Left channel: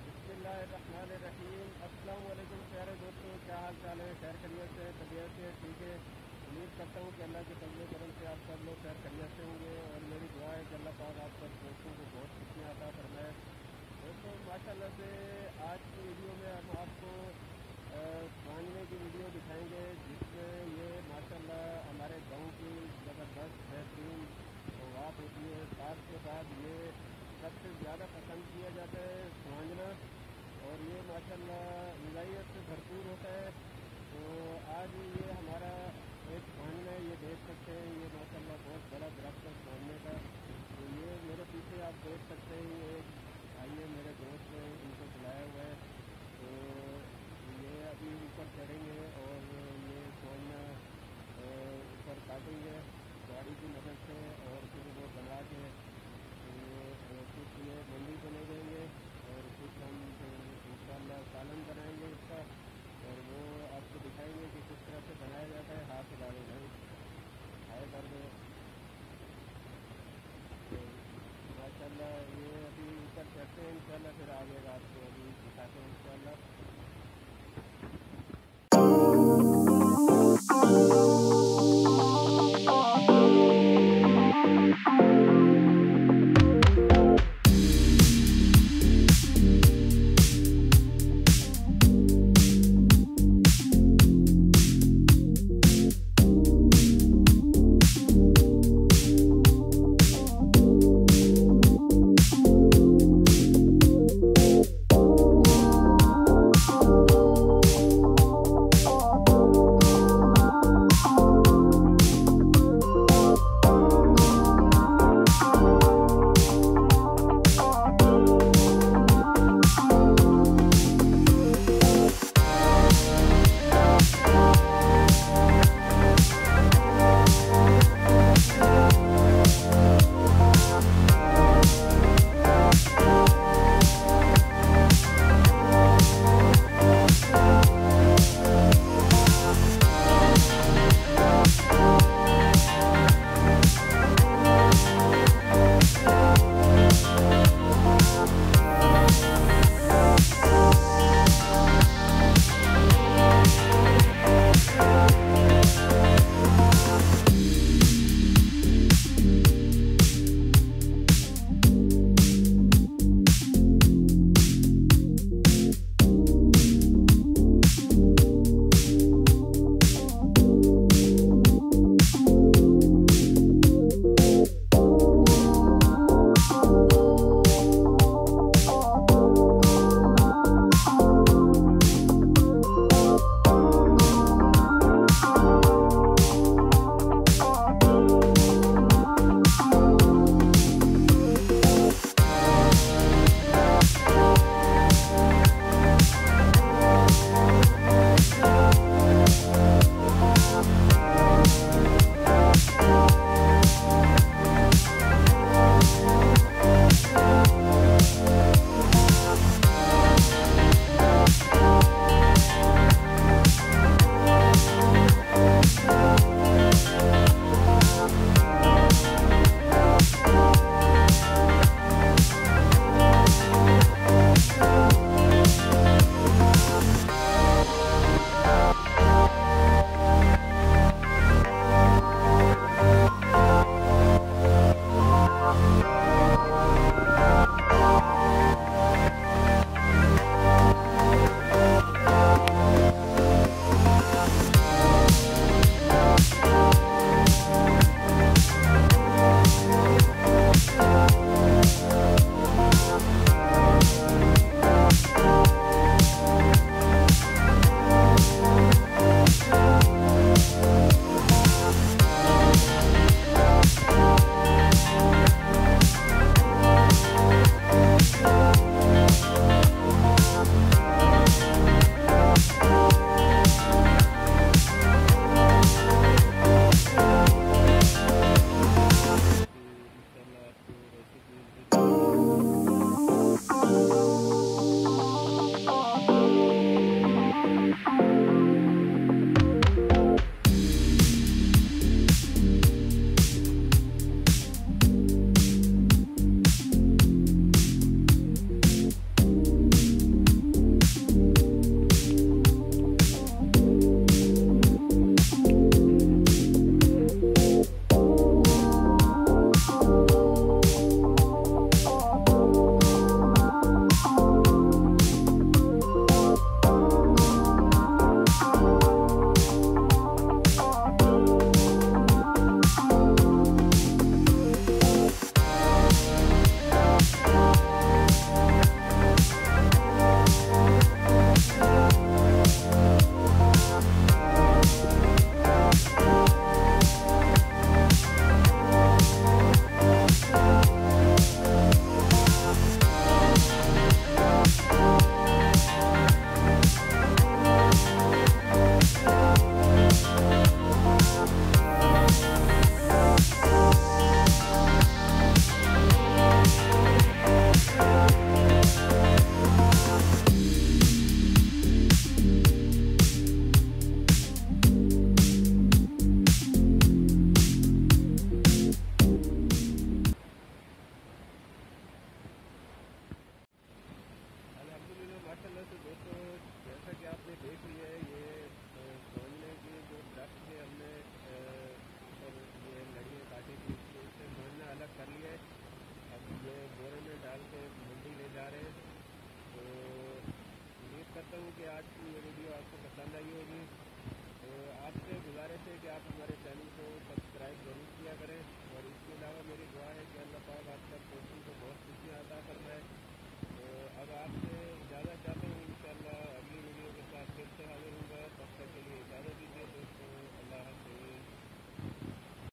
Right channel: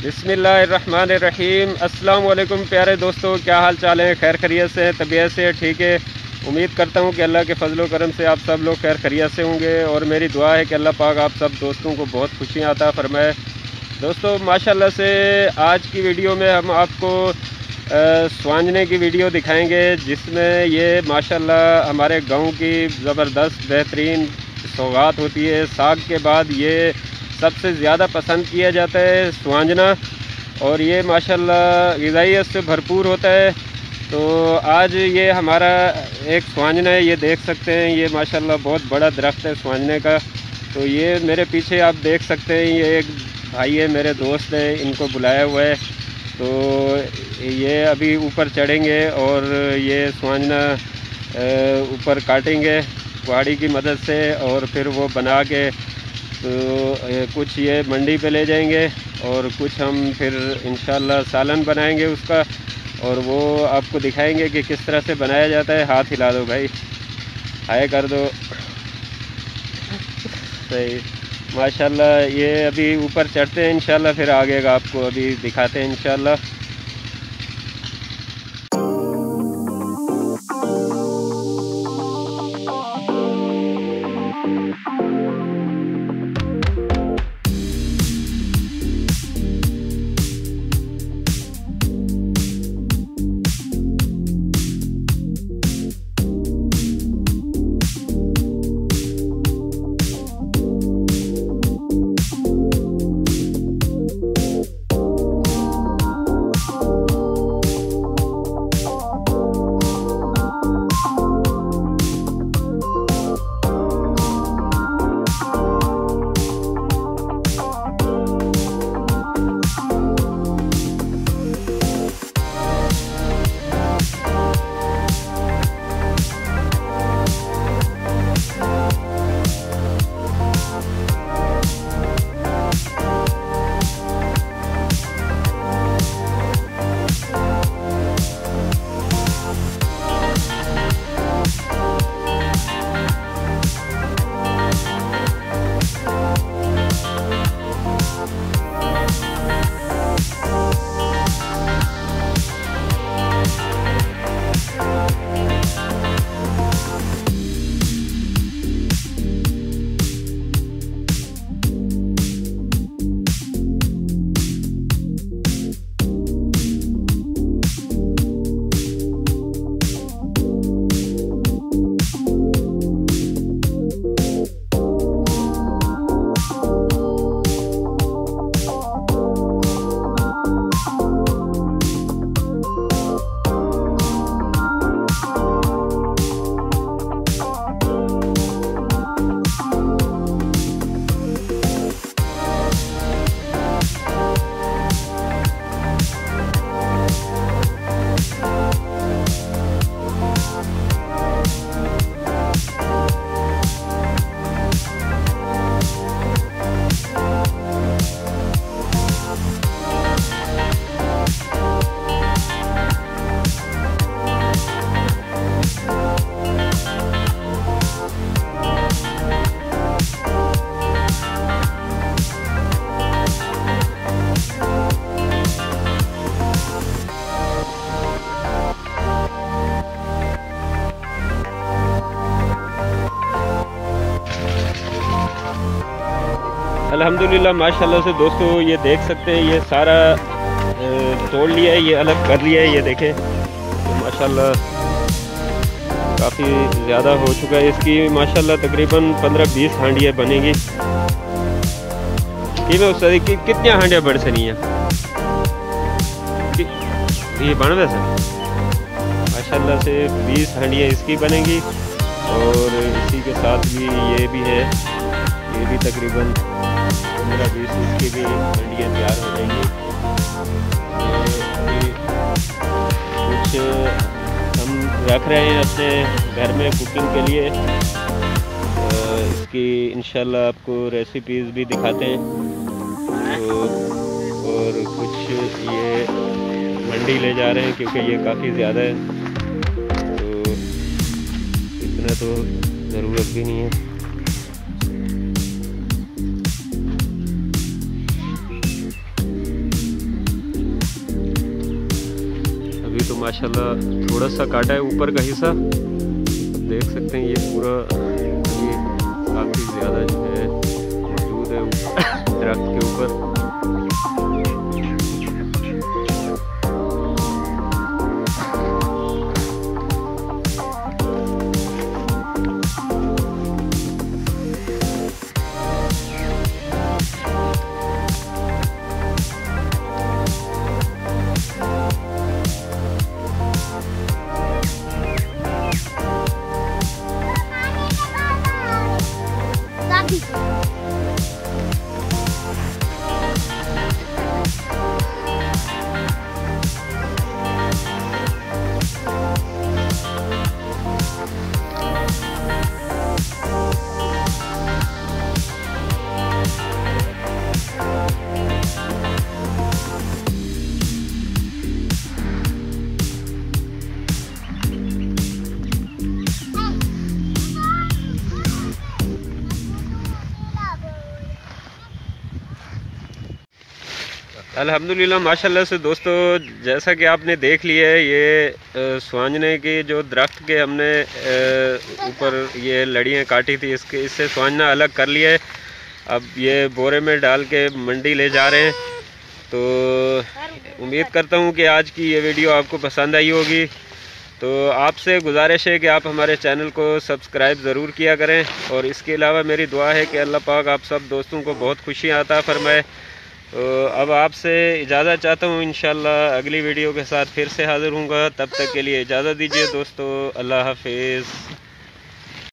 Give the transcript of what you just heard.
बिस्मिल्लाहिर्रहमानिर्रहीम। अस्सलाम वालेकुम प्यारे दोस्तों, क्या हाल चाल है? खैर खैरियत से, तबीयत से ठीक है? उम्मीद करता हूँ कि अल्लाह के फजल करम से आप सब लोग खैर खैरियत से होंगे और मेरी दुआ है कि अल्लाह पाक आप सब दोस्तों को बहुत खुशियाँ अता फरमाए। दोस्तों माशाल्लाह से आज की वीडियो में हम आपको स्वांजने की वीडियो दिखाएंगे, जिसमें ये माशाल्लाह हमारे गाँव की ज़बरदस्त बेहतरीन सौगात होती है। साग के बाद ये सबसे ज़्यादा पसंद किया जाता है स्वांजना, और ये माशाल्लाह ग़िज़ाइयत से भरपूर होता है। तो आज ये हमारा एक स्वांजना है, ये देख सकते हैं। ये माशाल्लाह बहुत बड़ा दरख्त है स्वांजने का। तो ये मेरे पीछे आप देख सकते हैं, ये एक भाई है, मेरे दोस्त है, इनको बुलाया हुआ है। तो ये अभी ऊपर चढ़ेंगे और ये स्वांजना ऊपर काटेंगे कुहाड़ी की मदद से, और फिर वो बना के तो कुछ ये मंडी पे ले जाएंगे और कुछ हम फिर इंशाल्लाह सालन बनाएंगे उसका, और वो आपको दिखाएंगे कि किस तरह से बनाया जाता है। हाथ हिला दो भाई, हाय कर दो। सही, माशाल्लाह। ये अभी ऊपर चढ़ते हैं इंशाल्लाह, फिर आगे का आपको अभी दिखाते हैं इंशाल्लाह। अल्हम्दुलिल्लाह माशाल्लाह से दोस्तों, ये देख सकते हैं, ये सारा तोड़ लिया है, ये अलग कर लिया है। ये देखें माशाल्लाह काफ़ी ज़्यादा हो चुका है। इसकी माशाल्लाह तकरीबन 15-20 हांडियाँ बनेगी। कितनी हांडियाँ बढ़ सही हैं ये बन वैसे माशाल्लाह से 20 हांडियाँ इसकी बनेगी, और इसी के साथ भी ये भी है, ये भी तकरीबन 15-20 इसकी भी हांडियाँ तैयार हो जाएंगी। कुछ हम रख रहे हैं अपने घर में कुकिंग के लिए, इसकी इंशाल्लाह आपको रेसिपीज़ भी दिखाते हैं। तो और कुछ ये मंडी ले जा रहे हैं क्योंकि ये काफ़ी ज़्यादा है, तो इतना तो ज़रूरत भी नहीं है। माशाल्लाह थोड़ा सा काटा है ऊपर का हिस्सा, देख सकते हैं। ये पूरा काफ़ी ज़्यादा जो है मौजूद है दरख्त के ऊपर। अल्हम्दुलिल्लाह माशाल्लाह से दोस्तों, जैसा कि आपने देख लिया है, ये सुहांजने की जो दरख्त के हमने ऊपर ये लड़ियाँ काटी थी, इससे सुहांजना अलग कर लिया है। अब ये बोरे में डाल के मंडी ले जा रहे हैं। तो उम्मीद करता हूँ कि आज की ये वीडियो आपको पसंद आई होगी। तो आपसे गुजारिश है कि आप हमारे चैनल को सब्सक्राइब ज़रूर किया करें, और इसके अलावा मेरी दुआ है कि अल्लाह पाक आप सब दोस्तों को बहुत खुशियाँ अता फरमाए। तो अब आपसे इजाज़त चाहता हूँ, इंशाल्लाह अगली वीडियो के साथ फिर से हाज़िर हूँगा। तब तक के लिए इजाज़त दीजिए दोस्तों, अल्लाह हाफिज़।